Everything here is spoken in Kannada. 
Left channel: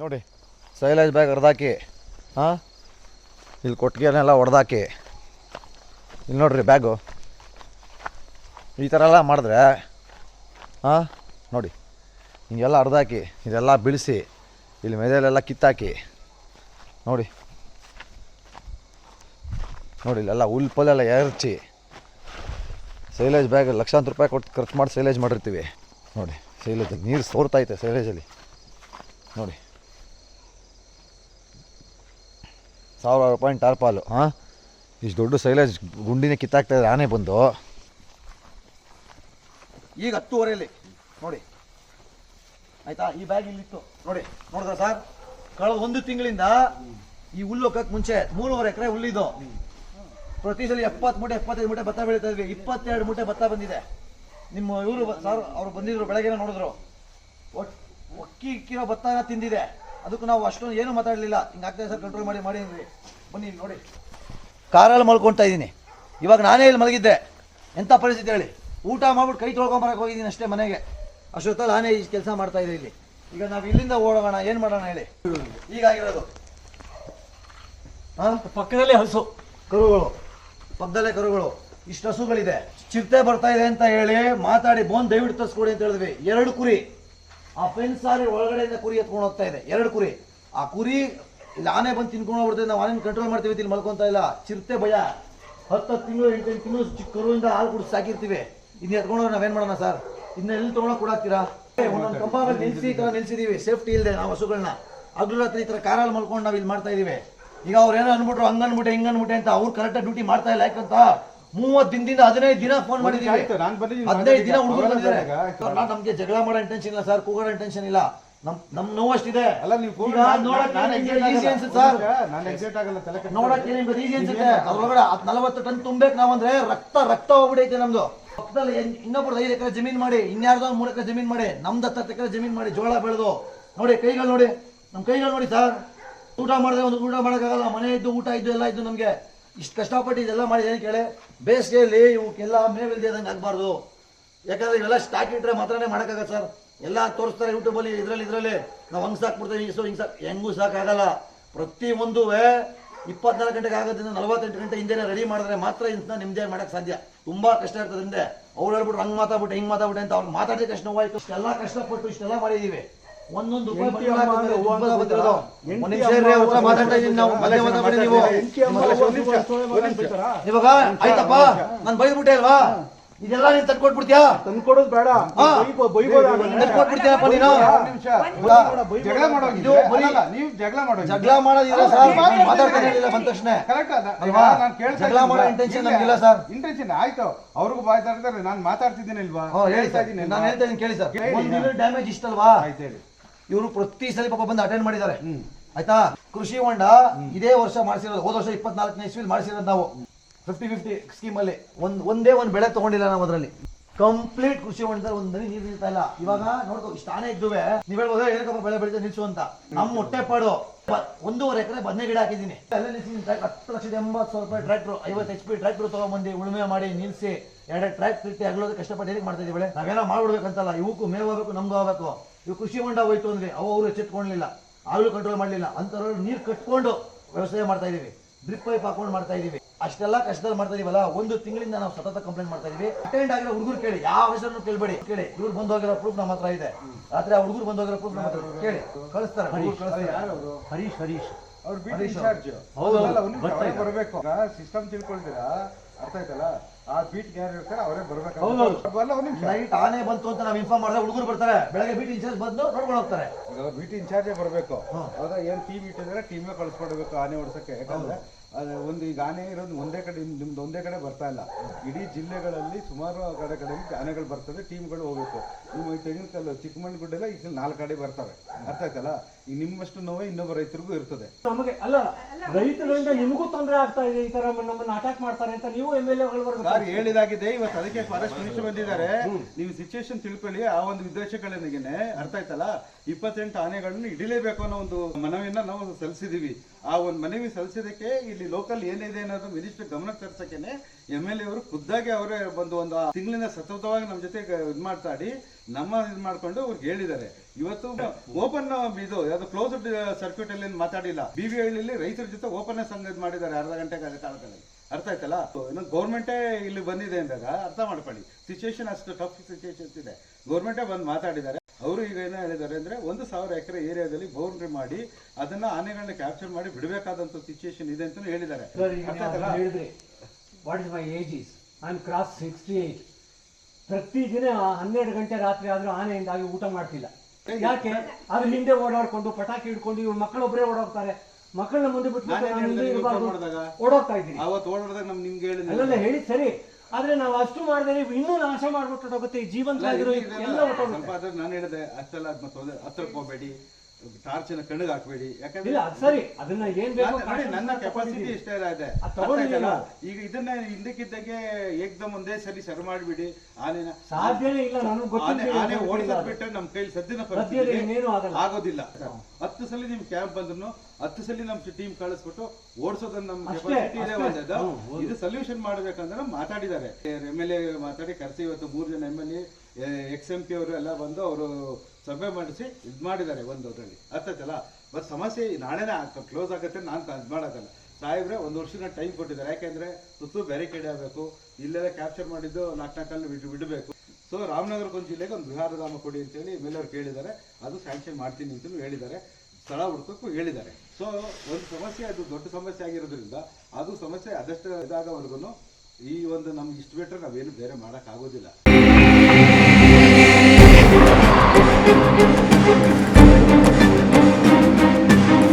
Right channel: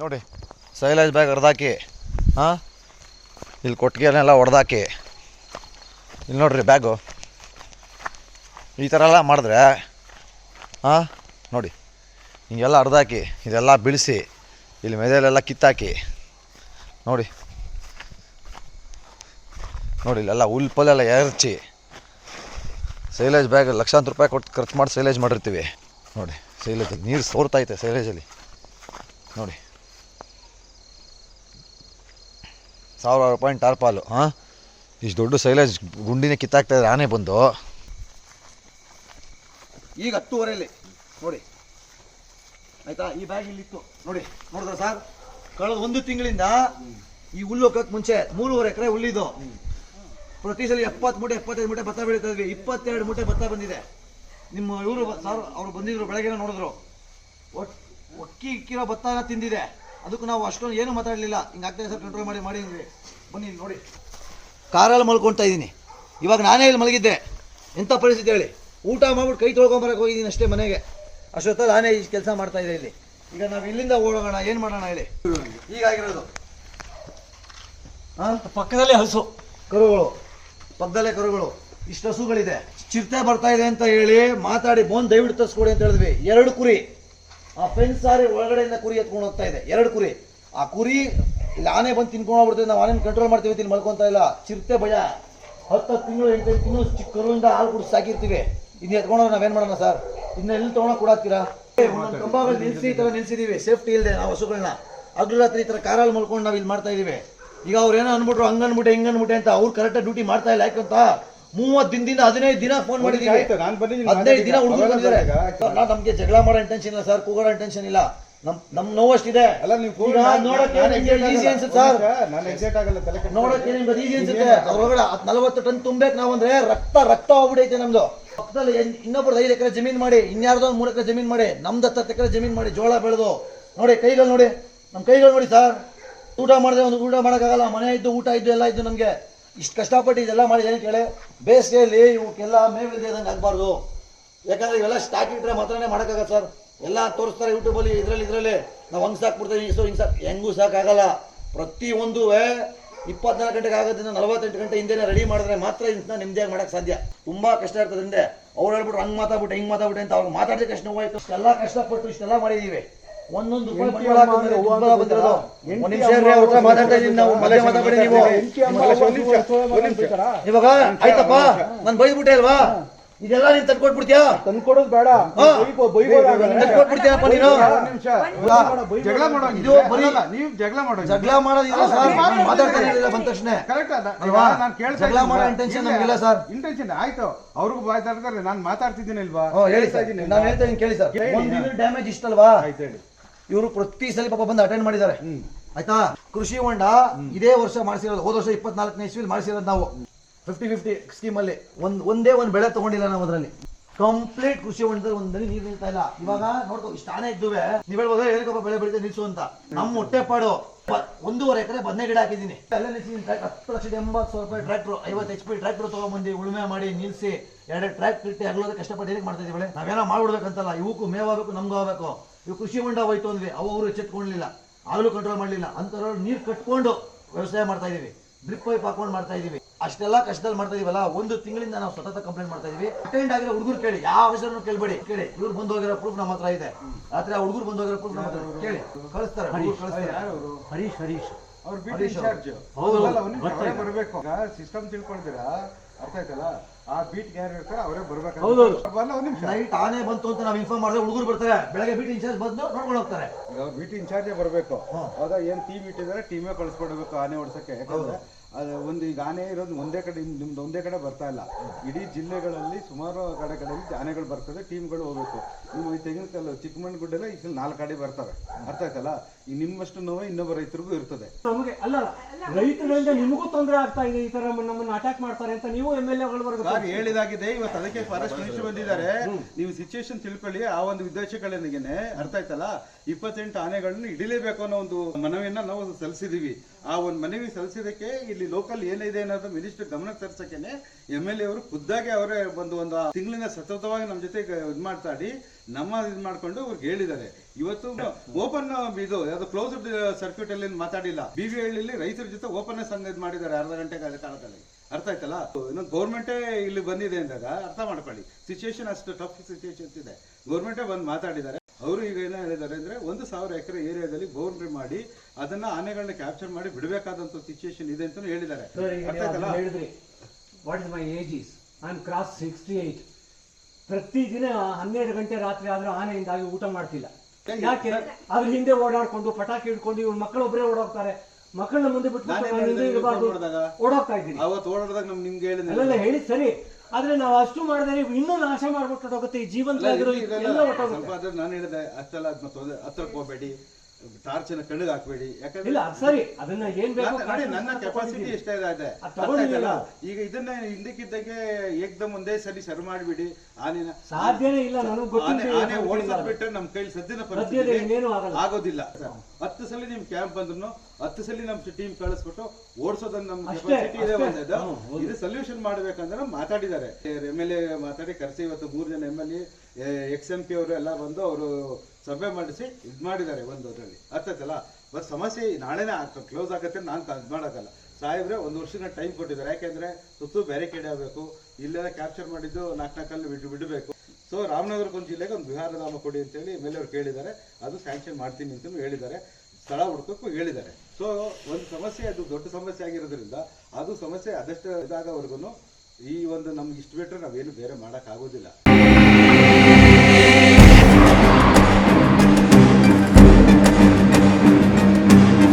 ನೋಡಿ ಸೈಲೇಜ್ ಬ್ಯಾಗ್ ಹರಿದಾಕಿ ಇಲ್ಲಿ ಕೊಟ್ಟಿಗೆನೆಲ್ಲ ಹೊಡೆದಾಕಿ ಇಲ್ಲಿ ನೋಡ್ರಿ ಬ್ಯಾಗು ಈ ಥರ ಎಲ್ಲ ಮಾಡಿದ್ರೆ ನೋಡಿ ಹಿಂಗೆಲ್ಲ ಹರಿದಾಕಿ ಇದೆಲ್ಲ ಬಿಡಿಸಿ ಇಲ್ಲಿ ಮೆದೆಲೆಲ್ಲ ಕಿತ್ತಾಕಿ ನೋಡಿ ಇಲ್ಲೆಲ್ಲ ಹುಲ್ಪಲ್ಲೆಲ್ಲ ಎರಚಿ ಸೈಲೇಜ್ ಬ್ಯಾಗ್ ಲಕ್ಷಾಂತರ ರೂಪಾಯಿ ಕೊಟ್ಟು ಖರ್ಚು ಮಾಡಿ ಸೈಲೇಜ್ ಮಾಡಿರ್ತೀವಿ ನೋಡಿ ಸೈಲೇಜ್ ನೀರು ಸೋರ್ತಾಯಿದೆ ಸೈಲೇಜಲ್ಲಿ ನೋಡಿ 1000 ರೂಪಾಯಿ ಟಾರ್ಪಾಲು ಇಷ್ಟು ದೊಡ್ಡ ಸೈಲೇಜ್ ಗುಂಡಿನೇ ಕಿತ್ತಾಕ್ತಾಯಿದ್ರೆ ಆನೆ ಬಂದು ಈಗ 10:30 ನೋಡಿ ಆಯಿತಾ. ಈ ಬ್ಯಾಗ್ ಇಲ್ಲಿತ್ತು ನೋಡಿದ್ರೆ ಸರ್ ಕಳೆದ 1 ತಿಂಗಳಿಂದ ಈ ಹುಲ್ಲು ಹೋಗಕ್ಕೆ ಮುಂಚೆ 3.5 ಎಕರೆ ಹುಲ್ಲಿದು ಪ್ರತಿ ಸಲ 70 ಮೂಟೆ 75 ಮೂಟೆ ಭತ್ತ ಬೆಳೀತಾ ಇದ್ವಿ. 22 ಮೂಟೆ ಭತ್ತ ಬಂದಿದೆ. ನಿಮ್ಮ ಇವರು ಸರ್ ಅವ್ರು ಬಂದಿದ್ರು ಬೆಳಗ್ಗೆ ನೋಡಿದ್ರು ಇಕ್ಕಿರೋ ಭತ್ತನ ತಿಂದಿದೆ. ಅದಕ್ಕೂ ನಾವು ಅಷ್ಟೊಂದು ಏನು ಮಾತಾಡಲಿಲ್ಲ. ಹಿಂಗಾಗ್ತಾಯಿದೆ ಸರ್ ಕಂಟ್ರೋಲ್ ಮಾಡಿ ಬನ್ನಿ ನೋಡಿ ಕಾರಲ್ಲಿ ಮಲ್ಕೊಳ್ತಾ ಇದ್ದೀನಿ. ಇವಾಗ ನಾನೇ ಇಲ್ಲಿ ಮಲಗಿದ್ದೆ. ಎಂಥ ಪರಿಸ್ಥಿತಿ ಹೇಳಿ. ಊಟ ಮಾಡ್ಬಿಟ್ಟು ಕೈ ತೊಳ್ಕೊಂಬರಕ್ಕೆ ಹೋಗಿದ್ದೀನಿ ಅಷ್ಟೇ ಮನೆಗೆ. ಅಷ್ಟೊತ್ತಲ್ಲಿ ನಾನೇ ಈ ಕೆಲಸ ಮಾಡ್ತಾ ಇದೆ ಇಲ್ಲಿ. ಈಗ ನಾವು ಇಲ್ಲಿಂದ ಓಡೋಣ ಏನು ಮಾಡೋಣ ಹೇಳಿ. ಈಗಾಗಿರೋದು ಪಕ್ಕದಲ್ಲೇ ಹಸು ಕರುಗಳು, ಪಕ್ಕದಲ್ಲೇ ಕರುಗಳು, ಇಷ್ಟು ಹಸುಗಳಿದೆ. ಚಿರತೆ ಬರ್ತಾ ಇದೆ ಅಂತ ಹೇಳಿ ಮಾತಾಡಿ ದಯವಿಟ್ಟು ತರಿಸ್ಕೊಡಿ ಅಂತ ಹೇಳಿದ್ವಿ. 2 ಕುರಿ ಆ ಫೆನ್ಸ್ ಸಾರಿ ಒಳಗಡೆಯಿಂದ ಕುರಿ ಎತ್ಕೊಂಡು ಹೋಗ್ತಾ ಇದೆ. 2 ಕುರಿ. ಆ ಕುರಿ ಇಲ್ಲಿ ಆನೆ ಬಂದು ತಿನ್ಕೊಂಡು ಹೋಗ್ಬಿಡ್ತದೆ. ನಾವು ಆನೆ ಕಂಟ್ರೋಲ್ ಮಾಡ್ತೀವಿ, ಇಲ್ಲಿ ಮಲ್ಕೊತಾ ಇಲ್ಲ. ಚಿರತೆ ಭಯ. 10 ತಿಂಗಳು 8 ತಿಂಗಳು ಚಿಕ್ಕ ಕರುವಿಂದ ಹಾಲು ಕುಡಿಸಿ ಸಾಕಿರ್ತೀವಿ. ಇನ್ನು ಎತ್ಕೊಂಡ್ರೆ ನಾವೇನು ಮಾಡೋಣ ಸರ್? ಇನ್ನು ಎಲ್ಲಿ ತೊಗೊಂಡು ಕೊಡಾಕ್ತೀರಾ? ಒಂದೊಂದು ಕಂಬಗಳು ನಿಲ್ಸಿ ಈ ಥರ ನಿಲ್ಸಿದ್ದೀವಿ ಸೇಫ್ಟಿ ಇಲ್ಲದೆ. ನಾವು ಹಸುಗಳನ್ನ ಹಗಲು ರಾತ್ರಿ ಈ ಥರ ಕಾರಲ್ಲಿ ಮಲ್ಕೊಂಡು ನಾವು ಇಲ್ಲಿ ಮಾಡ್ತಾ ಇದೀವಿ. ಈಗ ಅವ್ರು ಏನೋ ಅಂದ್ಬಿಟ್ರು ಹಂಗನ್ಬಿಟ್ಟೆ ಹಿಂಗನ್ಬಿಟ್ಟೆ ಅಂತ. ಅವ್ರು ಕರೆಕ್ಟಾಗಿ ಡ್ಯೂಟಿ ಮಾಡ್ತಾ ಇಲ್ಲ. ಯಾಕಂತ 30 ದಿನದಿಂದ 15 ದಿನ ಫೋನ್ ಮಾಡಿದ್ದೀವಿ. 15 ದಿನ ಹುಡುಗರು ಬಂದಿದ್ದಾರೆ. ನಮ್ಗೆ ಜಗಳ ಮಾಡೋ ಇಂಟೆನ್ಷನ್ ಇಲ್ಲ ಸರ್, ಕೂಗಾಡೋ ಇಂಟೆನ್ಷನ್ ಇಲ್ಲ. ನಮ್ ನೋವು ಅಷ್ಟಿದೆ. ನೋಡಕ್ಕೆ ನಿಮ್ಗೆ ಈಸಿ ಅನ್ಸುತ್ತೆ. ಅವ್ರೊಳಗಡೆ 40 ಟನ್ ತುಂಬೇಕು ನಾವಂದ್ರೆ ರಕ್ತ ಹೋಗ್ಬಿಡೈತೆ ನಮ್ದು. ಪಕ್ಕದಲ್ಲಿ ಇನ್ನೊಬ್ರು 5 ಎಕರೆ ಜಮೀನ್ ಮಾಡಿ, ಇನ್ಯಾರ್ದೋ 3 ಎಕರೆ ಜಮೀನ್ ಮಾಡಿ, ನಮ್ದು 10 ಎಕರೆ ಜಮೀನ್ ಮಾಡಿ ಜೋಳ ಬೆಳೆದು ನೋಡಿ ಕೈಗಳು ನೋಡಿ, ನಮ್ಮ ಕೈಗಳು ನೋಡಿ ಸರ್. ಊಟ ಮಾಡಿದ್ರೆ ಒಂದು ಊಟ ಮಾಡೋಕ್ಕಾಗಲ್ಲ. ಮನೆ ಇದ್ದು ಊಟ ಇದ್ದು ಎಲ್ಲ ಇದ್ದು ನಮಗೆ ಇಷ್ಟು ಕಷ್ಟಪಟ್ಟು ಇದೆಲ್ಲ ಮಾಡಿ ಏನು ಕೇಳಿ. ಬೇಸಿಗೆಯಲ್ಲಿ ಇವಕ್ಕೆಲ್ಲ ಮೇವಿಲ್ದಂಗೆ ಆಗಬಾರ್ದು. ಯಾಕಂದ್ರೆ ಇವೆಲ್ಲ ಸ್ಟಾಕ್ ಇಟ್ಟರೆ ಮಾತ್ರನೇ ಮಾಡೋಕ್ಕಾಗತ್ತೆ ಸರ್. ಎಲ್ಲ ತೋರಿಸ್ತಾರೆ ಯೂಟ್ಯೂಬಲ್ಲಿ, ಇದರಲ್ಲಿ ನಾವು ಹಂಗೆ ಸಾಕ್ಬಿಡ್ತೀವಿ, ಹಿಂಗೆ ಹೆಂಗೂ ಸಾಕಾಗಲ್ಲ. ಪ್ರತಿಯೊಂದು 24 ಗಂಟೆಗೆ ಆಗೋದ್ರಿಂದ 48 ಗಂಟೆ ಹಿಂದೆ ರೆಡಿ ಮಾಡಿದ್ರೆ ಮಾತ್ರ ಇದನ್ನ ನೆಮ್ಮದಿಯಾಗಿ ಮಾಡೋಕ್ಕೆ ಸಾಧ್ಯ. ತುಂಬ ಕಷ್ಟ ಇರ್ತದೆ. ಹಿಂದೆ ಅವ್ರು ಹೇಳ್ಬಿಟ್ರು ಹಂಗೆ ಮಾತಾಡ್ಬಿಟ್ಟೆ ಹಿಂಗೆ ಮಾತಾಡ್ಬಿಟ್ಟೆ ಅಂತ ಅವ್ರಿಗೆ ಮಾತಾಡಿದ್ರೆ ಕಷ್ಟ ನೋವಾಯಿತು. ಇಷ್ಟೆಲ್ಲ ಕಷ್ಟಪಟ್ಟು ಇಷ್ಟೆಲ್ಲ ಮಾಡಿದ್ದೀವಿ. ಒಂದೊಂದು ಇವಾಗ ಆಯ್ತಪ್ಪ ನಾನು ಬೈದ್ಬಿಟ್ಟೆ ಅಲ್ವಾ, ಇದೆಲ್ಲ ನೀನ್ ತಂದ್ಕೊಟ್ಬಿಡ್ತೀಯಾ? ತಂದ್ಕೊಡೋದು ಬೇಡ, ತಂದ್ಕೊಟ್ಬಿಡ್ತೀಯಪ್ಪ ನೀನು. ಜಗಳ ಮಾಡೋದಿಲ್ಲ ಸರ್, ಮಾತಾಡ್ತಾನಿಲ್ಲ ಬಂದ ತಕ್ಷಣ. ಜಗಳ ಮಾಡೋ ಇಂಟೆನ್ಷನ್ ನಮಗಿಲ್ಲ ಸರ್. ಇಂಟೆನ್ಷನ್ ಆಯ್ತು, ಅವ್ರಿಗೂ ಮಾತಾಡ್ತಾರೆ, ನಾನು ಮಾತಾಡ್ತಿದ್ದೀನಿ ಅಲ್ವಾ? ಹೇಳ್ತಾ ಇದ್ದೀನಿ, ನಾನು ಹೇಳ್ತಾ ಇದ್ದೀನಿ ಕೇಳಿ ಸರ್. ಒಂದಿನ ಡ್ಯಾಮೇಜ್ ಇಷ್ಟಲ್ವಾ? ಇವರು ಪ್ರತಿ ಸಲ ಪಾಪ ಬಂದು ಅಟೆಂಡ್ ಮಾಡಿದ್ದಾರೆ ಆಯ್ತಾ. ಕೃಷಿ ಹೊಂಡ ಇದೇ ವರ್ಷ ಮಾಡಿಸಿರೋದು. ಹೋದ ವರ್ಷ 24ನೇ ಇಸ್ವಿಲಿ ಮಾಡಿಸಿರೋದು ನಾವು 50-50 ಸ್ಕೀಮ್ ಅಲ್ಲಿ. ಒಂದೇ ಒಂದು ಬೆಳೆ ತಗೊಂಡಿಲ್ಲ ನಾವು ಅದರಲ್ಲಿ. ಕಂಪ್ಲೀಟ್ ಕೃಷಿ ಹೊಂಡದಲ್ಲಿ ಒಂದಲ್ಲಿ ನೀರು ನಿಲ್ತಾ ಇಲ್ಲ. ಇವಾಗ ನೋಡ್ಕೊ ಇಷ್ಟ ಆನೆ ಇದ್ದುವೆ. ನೀವ್ ಹೇಳ್ಬೋದು ಏನಕ್ಕಪ್ಪ ಬೆಳೆ ಬೆಳೀತಾ ನಿಲ್ಸು ಅಂತ. ನಮ್ಮ ಹೊಟ್ಟೆಪಾಡು 1.5 ಎಕರೆ ಬದನೆ ಗಿಡ ಹಾಕಿದ್ದೀನಿ. ಅಲ್ಲೇ ನಿಲ್ಸಿದ್ದೀನಿ. 10,80,000 ರೂಪಾಯಿ ಟ್ರ್ಯಾಕ್ಟರ್, 50 HP ಟ್ರ್ಯಾಕ್ಟರ್ ತಗೊಂಡ್ಬಂದು ಉಳುಮೆ ಮಾಡಿ ನಿಲ್ಸಿ 2 ಟ್ರ್ಯಾಕ್ಟರ್ ಇಟ್ಟು ಅಗಲೋದು ಕಷ್ಟಪಟ್ಟು ಏನಕ್ಕೆ ಮಾಡ್ತಾ ಇದೀವಿ. ನಾವೇನೋ ಮಾಡ್ಬಿಡ್ಬೇಕಂತಲ್ಲ. ಇವಕ್ಕೂ ಮೇವಾಗಬೇಕು, ನಮ್ಗೂ ಆಗಬೇಕು. ಇವು ಕೃಷಿ ಹೊಂಡ ಹೋಯ್ತು ಅಂದ್ವಿ, ಅವರು ಎಚ್ಚೆತ್ಕೊಳ್ಳಲಿಲ್ಲ, ಆಗಲೂ ಕಂಟ್ರೋಲ್ ಮಾಡಲಿಲ್ಲ. ಅಂಥವ್ರು ನೀರು ಕಟ್ಕೊಂಡು ವ್ಯವಸಾಯ ಮಾಡ್ತಾ ಇದೀವಿ. ಡ್ರಿಪ್ ಪೈಪ್ ಹಾಕೊಂಡು ಮಾಡ್ತಾ ಇದೀವಿ. ಅಷ್ಟೆಲ್ಲ ಕಷ್ಟದಲ್ಲಿ ಮಾಡ್ತಾ ಇದೀವಲ್ಲ. 1 ತಿಂಗಳಿಂದ ನಾವು ಸತತ ಕಂಪ್ಲೇಂಟ್ ಮಾಡ್ತಾ ಇದೀವಿ. ಅಟೆಂಡ್ ಆಗಿರೋ ಹುಡುಗರು ಕೇಳಿ, ಯಾವ ಹೆಸರನ್ನು ಕೇಳಬೇಡಿ. ಕೇಳಿ, ಇವ್ರು ಬಂದು ಹೋಗಿರೋ ಪ್ರೂಫ್ ನಮ್ಮ ಹತ್ರ ಇದೆ. ರಾತ್ರಿ ಆ ಹುಡುಗರು ಬಂದು ಹೋಗಿರೋ ಪ್ರೂಫ್ ನಮ್ಮ ಹತ್ರ ಕೇಳಿ ಕಳಿಸ್ತಾರೆ. ಹರೀಶ್ ಅವ್ರು ಬಿಟಿ ಇನ್ಚಾರ್ಜ್ ಬರಬೇಕು. ಸಿಸ್ಟಮ್ ತಿಳ್ಕೊಳ್ತೀರಾ? ಅರ್ಥ ಆಯ್ತಲ್ಲ? ಆ ಬೀಟ್ ಯಾರು ಇರ್ತಾರೆ ಅವರೇ ಬರ್ಬೇಕು. ನೈಟ್ ಆನೆ ಬಂತು ಅಂತ ನಾವು ಇನ್ಫಾರ್ಮ್ ಮಾಡಿದ್ರೆ ಹುಡುಗರು ಬರ್ತಾರೆ. ಬೆಳಗ್ಗೆ ಬೀಟ್ ಇನ್ಚಾರ್ಜ್ ಬಂದು ನೋಡ್ಕೊಂಡು ಹೋಗ್ತಾರೆ. ಈಗ ಬೀಟ್ ಇನ್ಚಾರ್ಜೇ ಬರಬೇಕು. ಹೌದಾ? ಏನ್ ಟೀಮ್ ಇಟ್ಟಿದ್ದಾರೆ, ಟೀಮೇ ಕಳಿಸ್ಕೊಡ್ಬೇಕು ಆನೆ ಓಡಿಸಕ್ಕೆ. ಯಾಕಂದ್ರೆ ಒಂದು ಈಗ ಆನೆ ಇರೋದು ಒಂದೇ ಕಡೆ, ನಿಮ್ದು ಒಂದೇ ಕಡೆ ಬರ್ತಾ ಇಲ್ಲ. ಇಡೀ ಜಿಲ್ಲೆಗಳಲ್ಲಿ ಸುಮಾರು ಕಡೆಯಲ್ಲಿ ಆನೆಗಳು ಬರ್ತದೆ, ಟೀಮ್ಗಳು ಹೋಗ್ಬೇಕು. ನಿಮ್ಮ ಈ ತೆಂಗಿನಕಲ್ಲು ಚಿಕ್ಕಮಣ್ಣಗುಡ್ಡೆಲ್ಲ ಈಗ 4 ಗಾಡಿ ಬರ್ತವೆ. ಅರ್ಥ ಆಯ್ತಲ್ಲ? ಈಗ ನಿಮ್ಮಷ್ಟು ನೋವು ಇನ್ನೊಬ್ಬ ರೈತರಿಗೂ ಇರ್ತದೆ. ನಮಗೆ ಅಲ್ಲ, ರೈತರಿಂದ ನಿಮಗೂ ತೊಂದರೆ ಆಗ್ತಾ ಇದೆ. ಈ ತರ ನಮ್ಮನ್ನ ಅಟ್ಯಾಕ್ ಮಾಡ್ತಾರೆ ಅಂತ ನೀವು MLA ಹೇಳಿದಾಗಿದೆ. ಇವತ್ತು ಅದಕ್ಕೆ ಫಾರೆಸ್ಟ್ ಮಿನಿಸ್ಟರ್ ಬಂದಿದ್ದಾರೆ. ನೀವು ಸಿಚುವೇಶನ್ ತಿಳ್ಕೊಳ್ಳಿ. ಆ ಒಂದು ಉದ್ದೇಶಗಳೇನೆ ಅರ್ಥ ಆಯ್ತಲ್ಲ? 28 ಆನೆಗಳನ್ನು ಹಿಡಿಲೇಬೇಕು ಅನ್ನೋ ಒಂದು ಮನವಿಯನ್ನ ನಾವು ಸಲ್ಲಿಸಿದೀವಿ. ಆ ಒಂದು ಮನವಿ ಸಲ್ಲಿಸಿದಕ್ಕೆ ಈ ಇಲ್ಲಿ ಲೋಕಲ್ ಏನಿದೆ ಅನ್ನೋದು ಮಿನಿಸ್ಟರ್ ಗಮನಕ್ಕೆ ತರ್ಸಕ್ಕೇನೆ MLA ಅವರು ಖುದ್ದಾಗಿ ಅವರೇ ಒಂದು ತಿಂಗಳಿನ ಸತತವಾಗಿ ನಮ್ಮ ಜೊತೆ ಇದು ಮಾತಾಡಿ ಇದು ಮಾಡ್ಕೊಂಡು ಅವ್ರಿಗೆ ಹೇಳಿದ್ದಾರೆ. ಇವತ್ತು ಓಪನ್ ಇದು ಯಾವ್ದು ಕ್ಲೋಸ್ಡ್ ಸರ್ಕ್ಯೂಟ್ ಅಲ್ಲಿ ಮಾತಾಡಿಲ್ಲ. BBಹಳ್ಳಿಲಿ ರೈತರ ಜೊತೆ ಓಪನ್ ಸಂಘ ಇದು ಮಾಡಿದ್ದಾರೆ ಅರ್ಧ ಗಂಟೆ ಕಾಲದಲ್ಲಿ. ಅರ್ಥ ಆಯ್ತಲ್ಲ? ಇನ್ನು ಗೌರ್ಮೆಂಟೇ ಇಲ್ಲಿ ಬಂದಿದೆ ಅಂದಾಗ ಅರ್ಥ ಮಾಡ್ಕೊಳ್ಳಿ, ಸಿಚುವೇಶನ್ ಅಷ್ಟು ಟಫ್ ಸಿಚುವೇಶನ್ಸ್ ಇದೆ. ಗೌರ್ಮೆಂಟೇ ಬಂದು ಮಾತಾಡಿದ್ದಾರೆ. ಅವರು ಈಗ ಏನೋ ಹೇಳಿದ್ದಾರೆ ಅಂದ್ರೆ 1,000 ಎಕರೆ ಏರಿಯಾದಲ್ಲಿ ಬೌಂಡ್ರಿ ಮಾಡಿ ಅದನ್ನ ಆನೆಗಳನ್ನ ಕ್ಯಾಪ್ಚರ್ ಮಾಡಿ ಬಿಡಬೇಕಾದಂತ ಸಿಚುವೇಶನ್ ಇದೆ ಅಂತ ಹೇಳಿದ್ದಾರೆ. ಅರ್ಥ ಆಯ್ತಲ್ಲ? What is my age is I am cross 68. ಪ್ರತಿದಿನ 12 ಗಂಟೆ ರಾತ್ರಿ ಆದ್ರೂ ಆನೆಯಿಂದಾಗಿ ಊಟ ಮಾಡ್ತಿಲ್ಲ. ಯಾಕೆ? ಅದ್ರ ಹಿಂದೆ ಓಡಾಡ್ಕೊಂಡು ಪಟಾಕಿ ಹಿಡ್ಕೊಂಡು ಇವ್ರ ಮಕ್ಕಳೊಬ್ಬರೇ ಓಡೋಗ್ತಾರೆ. ಮಕ್ಕಳನ್ನ ಮುಂದೆ ಬಿಟ್ಟು ಓಡೋಗ್ತಾ ಇದ್ದೀನಿ. ಅವತ್ತು ಓಡಾಡಿದಾಗ ನಿಮ್ಗೆ ಅಲ್ಲೆಲ್ಲ ಹೇಳಿ ಸರಿ, ಆದ್ರೆ ನಾವು ಅಷ್ಟು ಮಾಡಿದ್ರೆ ಇನ್ನೂ ನಾಶ ಮಾಡ್ಬಿಟ್ಟು ಹೋಗುತ್ತೆ. ಜೀವಂತ ಸ್ವಲ್ಪ ಅದ್ರ ನಾನು ಹೇಳಿದೆ ಅಷ್ಟೆಲ್ಲ ಹತ್ರಕ್ಕೆ ಹೋಗ್ಬೇಡಿ, ಟಾರ್ಚ್ ಕಣ್ಣಿಗೆ ಹಾಕ್ಬೇಡಿ. ಯಾಕಂದ್ರೆ ಸರಿ, ಅದನ್ನ ಏನ್ ಬೇಕು ನೋಡಿ, ನನ್ನ ಕೆಪಾಸಿಟಿ ಇಷ್ಟ ಇದೆ. ಈಗ ಇದನ್ನ ಹಿಂದಕ್ಕಿದ್ದಂಗೆ ಏಕ್ದಮ್ ಒಂದೇ ಸರಿ ಸರ್ ಮಾಡಿಬಿಡಿ ಆನೆನ ಸಾಧ್ಯನೇ ಇಲ್ಲ. ಆನೆ ಓಡಿಸೋದ್ ಬಿಟ್ಟರೆ ನಮ್ ಕೈಲಿ ಸದ್ಯದ ಪರಿಸ್ಥಿತಿ ಆಗೋದಿಲ್ಲ. 10 ಸಲ ನಿಮ್ ಕ್ಯಾಂಪ್ ಬಂದ್ರು 10 ಸಲ ನಮ್ ಟೀಮ್ ಕಳಿಸ್ಬಿಟ್ಟು ಓಡಿಸೋದನ್ನ ನಮ್ ಕೆಪಾಸಿಟಿ ಇದೆ. ಒಂದದು ಇದು ಸೊಲ್ಯೂಷನ್ ಮಾಡ್ಬೇಕಂದ್ರೆ ಮಾತಾಡಿದ್ದಾರೆ. MLA ಮಾತಾಡಿ ಕರೆಸಿ ಇವತ್ತು 3 ಜನ MLA XMP ಅವರು ಎಲ್ಲ ಬಂದು ಅವರು ಸಭೆ ಮಾಡಿಸಿ ಇದು ಮಾಡಿದ್ದಾರೆ ಒಂದರಲ್ಲಿ. ಅರ್ಥ ಆಯ್ತಲ್ಲ? ಬಟ್ ಸಮಸ್ಯೆ ನಾಳೆನೇ ಕ್ಲೋಸ್ ಆಗುತ್ತೆ. ನಾನು ಇದು ಮಾಡೋಕ್ಕಲ್ಲ. ಸಾಹೇಬ್ರೆ 1 ವರ್ಷದ ಟೈಮ್ ಕೊಟ್ಟಿದ್ದಾರೆ. ಯಾಕೆಂದ್ರೆ ಸುತ್ತು ಬ್ಯಾರಿಕೇಡ್ ಆಗಬೇಕು, ಇಲ್ಲೆಲ್ಲ ಕ್ಯಾಪ್ಚರ್ ಮಾಡಿದ್ದು 4 ಬಿಡಬೇಕು. ಸೊ ರಾಮನಗರಕ್ಕೊಂದು ಜಿಲ್ಲೆಗೆ ಒಂದು ವಿಹಾರಧಾಮ ಕೊಡಿ ಅಂತೇಳಿ MLA ಅವ್ರು ಕೇಳಿದ್ದಾರೆ. ಅದು ಸ್ಯಾಂಕ್ಷನ್ ಮಾಡ್ತೀನಿ ಅಂತಲೂ ಹೇಳಿದ್ದಾರೆ. ಸ್ಥಳ ಹುಡ್ಕೋಕ್ಕೂ ಹೇಳಿದ್ದಾರೆ. ಸೊ ಒಂದು ಸಮಸ್ಯೆ, ಅದು ದೊಡ್ಡ ಸಮಸ್ಯೆ ಆಗಿರೋದ್ರಿಂದ ಅದು ಸಮಸ್ಯೆ ಆದಷ್ಟು ಇದಾಗವರೆಗೂ ಈ ಒಂದು ನಮ್ಗೆ ಇಷ್ಟು ಬಿಟ್ಟರೆ ನಾವೇನು ಬೇರೆ ಮಾಡೋಕ್ಕಾಗೋದಿಲ್ಲ.